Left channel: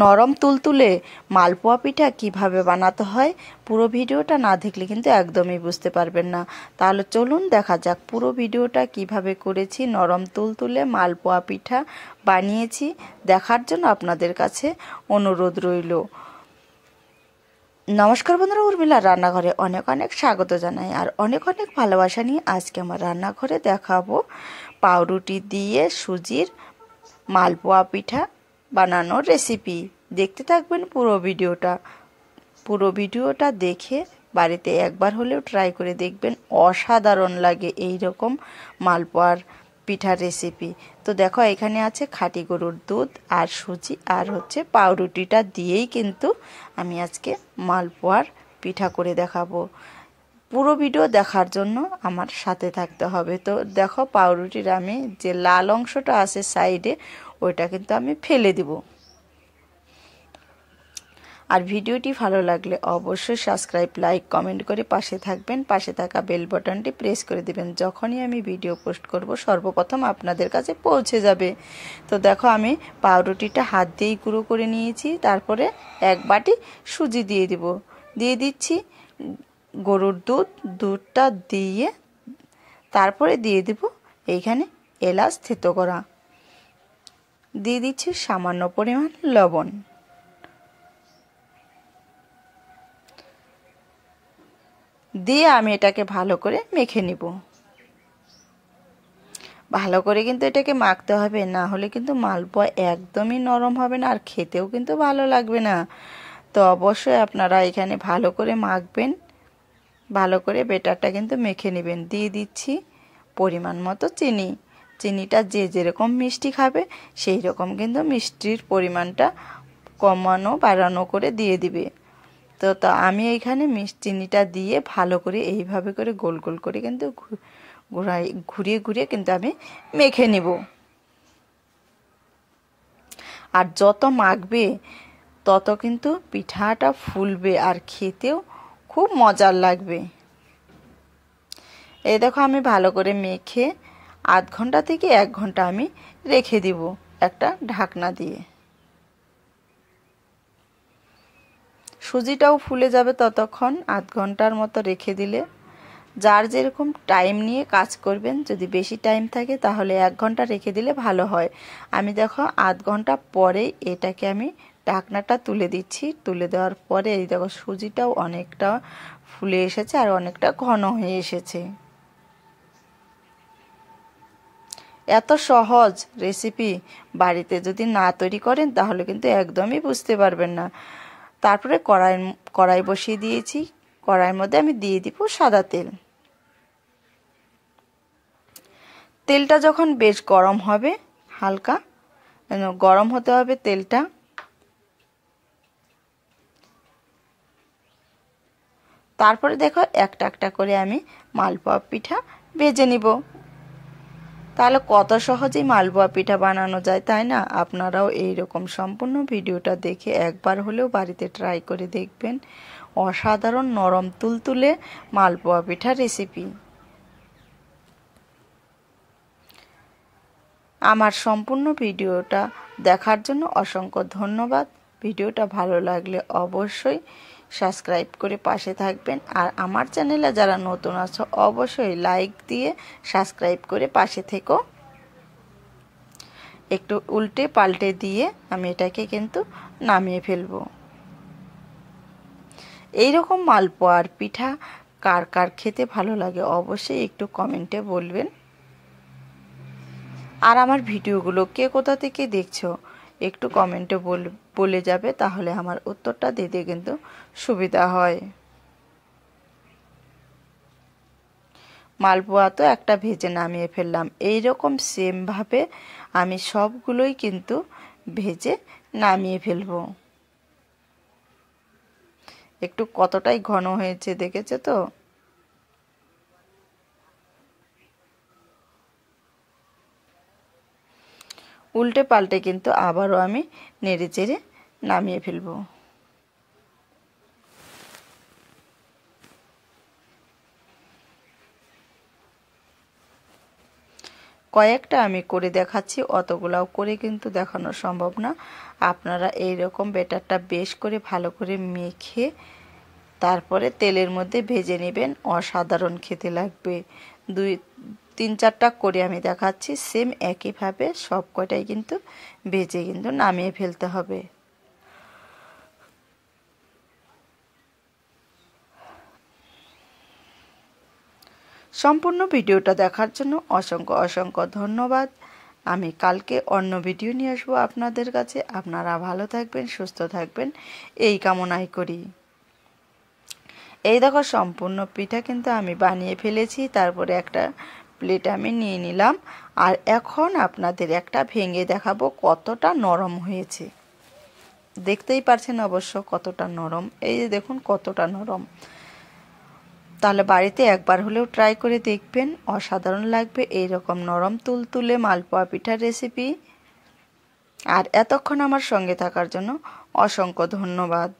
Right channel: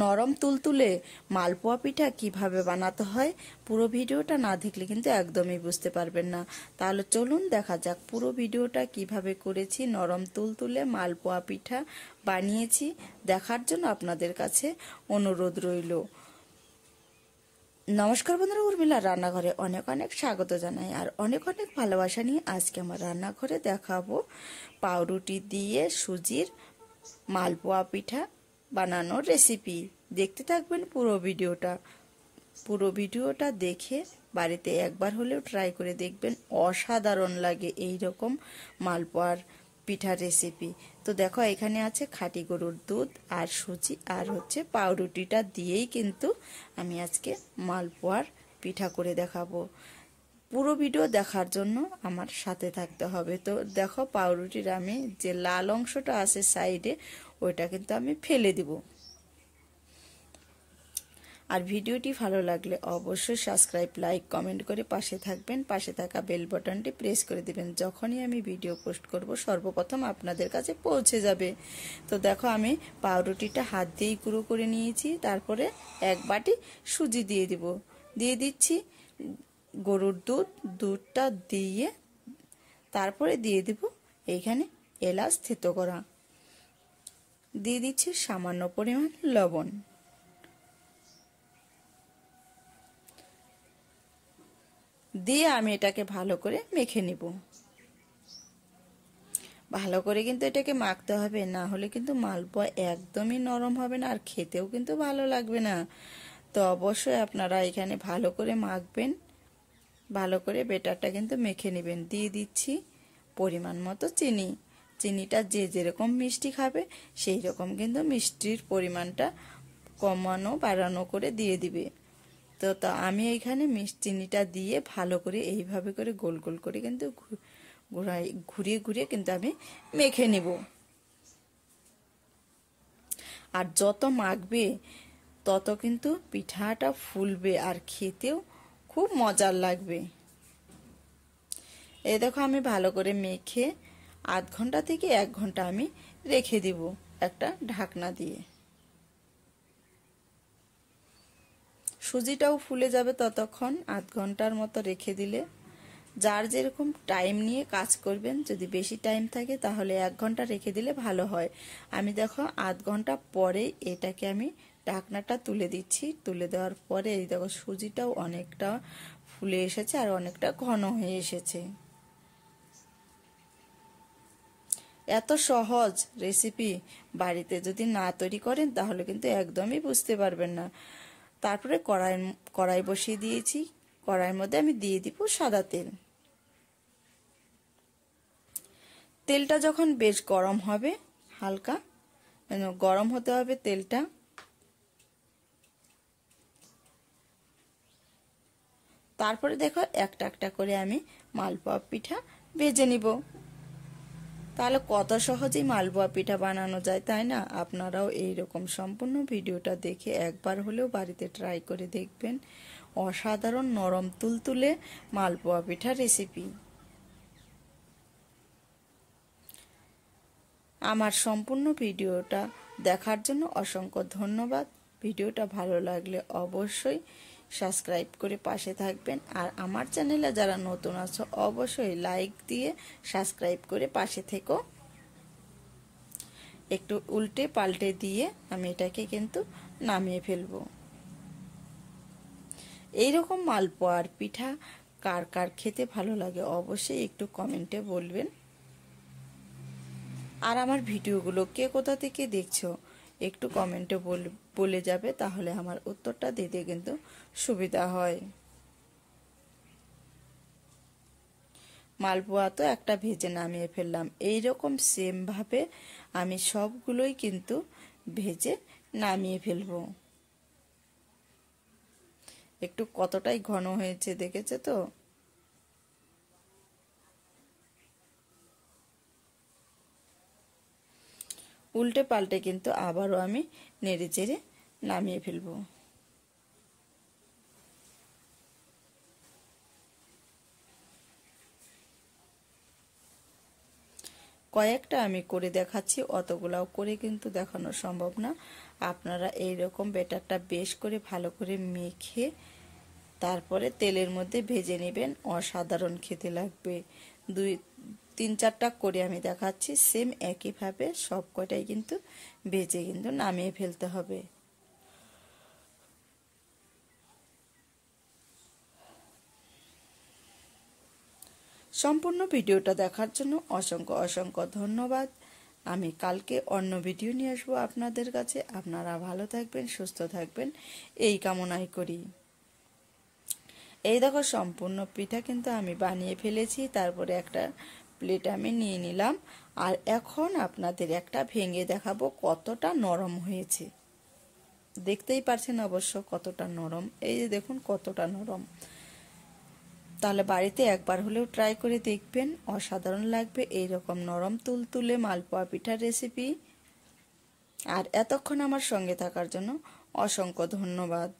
নরম তুলতুলে মালপোয়া পিঠা কিভাবে বানাতে হয় পুরো ভিডিওটা না দেখলে কিন্তু একদমই বুঝতে পারবেন না। তাহলে চলুন দেখা যাক পুরো ভিডিওটা কিভাবে করেছি। নরম তুলতুলে মালপোয়া পিঠা বানিয়েছি, দেখার জন্য আপনাদের কাছে অনুরোধ রইল। নমস্কার বন্ধুরা, উর্মিলার রান্নাঘরে অনেক অনেক স্বাগত জানাই আর অনেক অনেক ভালোবাসা নিয়ে আজকে আমার রান্নাঘরে দেখাবো পাউরুটি দিয়ে সুজির মালপোয়া পিঠা বানানোর রেসিপি। দেখতে থাকবেন পুরো ভিডিওটা দেখে বাড়িতে একবার হলেও ট্রাই করে দেখবেন, অসাধারণ লাগে এই রকম মালপোয়ার পিঠার রেসিপি। তো দেখো এখানে আছে খাঁটি গরুর দুধ আর সুজি আর হচ্ছে পাউরুটিটা দিয়েই কিন্তু আমি আজকে মালপোয়ার পিঠা করে দেখাবো। পুরো ভিডিও দেখার জন্য আমার সাথে থাকতে হবে। তো দেখো পাউরুটির আমি যে লাল অংশটা আছে সাইডে ওইটা কিন্তু আমি ফেলে দিব। আর ভিডিওটি ভালো লাগলে অবশ্যই সাবস্ক্রাইব, লাইক, কমেন্ট করে পাশে থাকবেন। পাশে থাকা বেল বাটনটি প্রেস করে দিবেন, যখনই আমি ভিডিও পোস্ট করব সর্বপ্রথম আপনাদের কাছে পৌঁছে যাবে। তো দেখো আমি পাউরুটিটা হাত দিয়েই গুঁড়ো করে নিয়েছি, তারপরে এক বাটি সুজি দিয়ে দিচ্ছি গরুর দুধটা দিয়ে তারপরে দিয়ে দিব এইখানে এলাচ থেতো করা, দিয়ে দিচ্ছি সামান্য পরিমাণ লবণ, দিয়ে আমি এটাকে ভালো করে মেখে নিব। ভালো করে কিন্তু এটাকে মাখতে হবে, না হলে কিন্তু মালপোয়া একদমই নরম হবে না আর খেতেও কিন্তু ভালো লাগবে না। তো অবশ্যই আপনারা এখানে ভালো করে মাখবেন, ভালো করে বেটারটা কিন্তু মেখে নেবেন। দিয়ে দিচ্ছি পরিমাণ মতো চিনিটা যে যেরকম মিষ্টি খাবে সেই রকম কিন্তু মিষ্টির পরিমাণটা কমানো বাড়ানো করে দিয়ে দিবে। তো আমি এইখানে চিনিটা দিয়ে ভালো করে এইভাবে করে গোল গোল করে কিন্তু ঘুরিয়ে কিন্তু আমি মেখে নিব। আর যত মাখবে তত কিন্তু পিঠাটা ফুলবে আর খেতেও খুব মজার লাগবে। এই দেখো আমি ভালো করে মেখে আধ ঘন্টা থেকে 1 ঘন্টা আমি রেখে দিব একটা ঢাকনা দিয়ে। সুজিটাও ফুলে যাবে ততক্ষণ, আধ ঘন্টার মতো রেখে দিলে। যার যেরকম টাইম নিয়ে কাজ করবেন, যদি বেশি টাইম থাকে তাহলে 1 ঘন্টা রেখে দিলে ভালো হয়। আমি দেখো আধ ঘন্টা পরে এটাকে আমি ঢাকনাটা তুলে দিচ্ছি। তুলে দেওয়ার পরে এই দেখো সুজিটাও অনেকটা ফুলে এসেছে আর অনেকটা ঘন হয়ে এসেছে। এত সহজ রেসিপি বাড়িতে যদি না তৈরি করেন তাহলে কিন্তু একদমই বুঝতে পারবেন না। তারপরে কড়াই বসিয়ে দিয়েছি, কড়াইয়ের মধ্যে আমি দিয়ে দিব সাদা তেল। তেলটা যখন বেশ গরম হবে, হালকা গরম হতে হবে তেলটা, তারপরে দেখো একটা একটা করে আমি মালপোয়া পিঠা ভেজে নিব। তাহলে কত সহজেই মালপোয়া পিঠা বানানো যায়, তাই না? আপনারাও এইরকম সম্পূর্ণ ভিডিওটা দেখে একবার হলেও বাড়িতে ট্রাই করে দেখবেন। অসাধারণ নরম তুলতুলে মালপোয়া পিঠা রেসিপি। আমার সম্পূর্ণ ভিডিওটা দেখার জন্য অসংখ্য ধন্যবাদ। ভিডিওটা ভালো লাগলে অবশ্যই সাবস্ক্রাইব করে পাশে থাকবেন। আর আমার চ্যানেলে যারা নতুন আছো অবশ্যই লাইক দিয়ে সাবস্ক্রাইব করে পাশে থেকো। একটু উল্টে পাল্টে দিয়ে আমি এটাকে কিন্তু নামিয়ে ফেলবো। এইরকম মালপোয়ার পিঠা কার কার খেতে ভালো লাগে অবশ্যই একটু কমেন্টে বলবেন। আর আমার ভিডিওগুলো কে কোথা থেকে দেখছো একটু কমেন্টে বলে যাবে, তাহলে আমার উত্তরটা দিতে কিন্তু সুবিধা হয়। মালপোয়া তো একটা ভেজে নামিয়ে ফেললাম, এইরকম সেমভাবে আমি সবগুলোই কিন্তু ভেজে নামিয়ে ফেলবো। একটু কতটাই ঘন হয়েছে দেখেছো তো? উল্টে পাল্টে কিন্তু আবারও আমি নেড়ে চেড়ে নামিয়ে ফেলবো। কয়েকটা আমি করে দেখাচ্ছি, অতগুলাও করে কিন্তু দেখানো সম্ভব না। আপনারা এই রকম ব্যাটারটা বেশ করে ভালো করে মেখে তারপরে তেলের মধ্যে ভেজে নেবেন। অসাধারণ খেতে লাগবে। 2-3-4টা করে আমি দেখাচ্ছি, সেম একইভাবে সব কটাই কিন্তু ভেজে কিন্তু নামিয়ে ফেলতে হবে। সম্পূর্ণ ভিডিওটা দেখার জন্য অসংখ্য অসংখ্য ধন্যবাদ। আমি কালকে অন্য ভিডিও নিয়ে আসবো আপনাদের কাছে। আপনারা ভালো থাকবেন, সুস্থ থাকবেন এই কামনাই করি। এই দেখো সম্পূর্ণ পিঠা কিন্তু আমি বানিয়ে ফেলেছি। তারপরে একটা প্লেট আমি নিয়ে নিলাম। আর এখন আপনাদের একটা ভেঙে দেখাবো কতটা নরম হয়েছে। দেখতেই পারছেন অবশ্য কতটা নরম। এই যে দেখুন কতটা নরম। তাহলে বাড়িতে একবার হলেও ট্রাই করে দেখবেন, অসাধারণ লাগবে এই রকম নরম তুলতুলে মালপোয়া পিঠার রেসিপি। আর এতক্ষণ আমার সঙ্গে থাকার জন্য অসংখ্য ধন্যবাদ।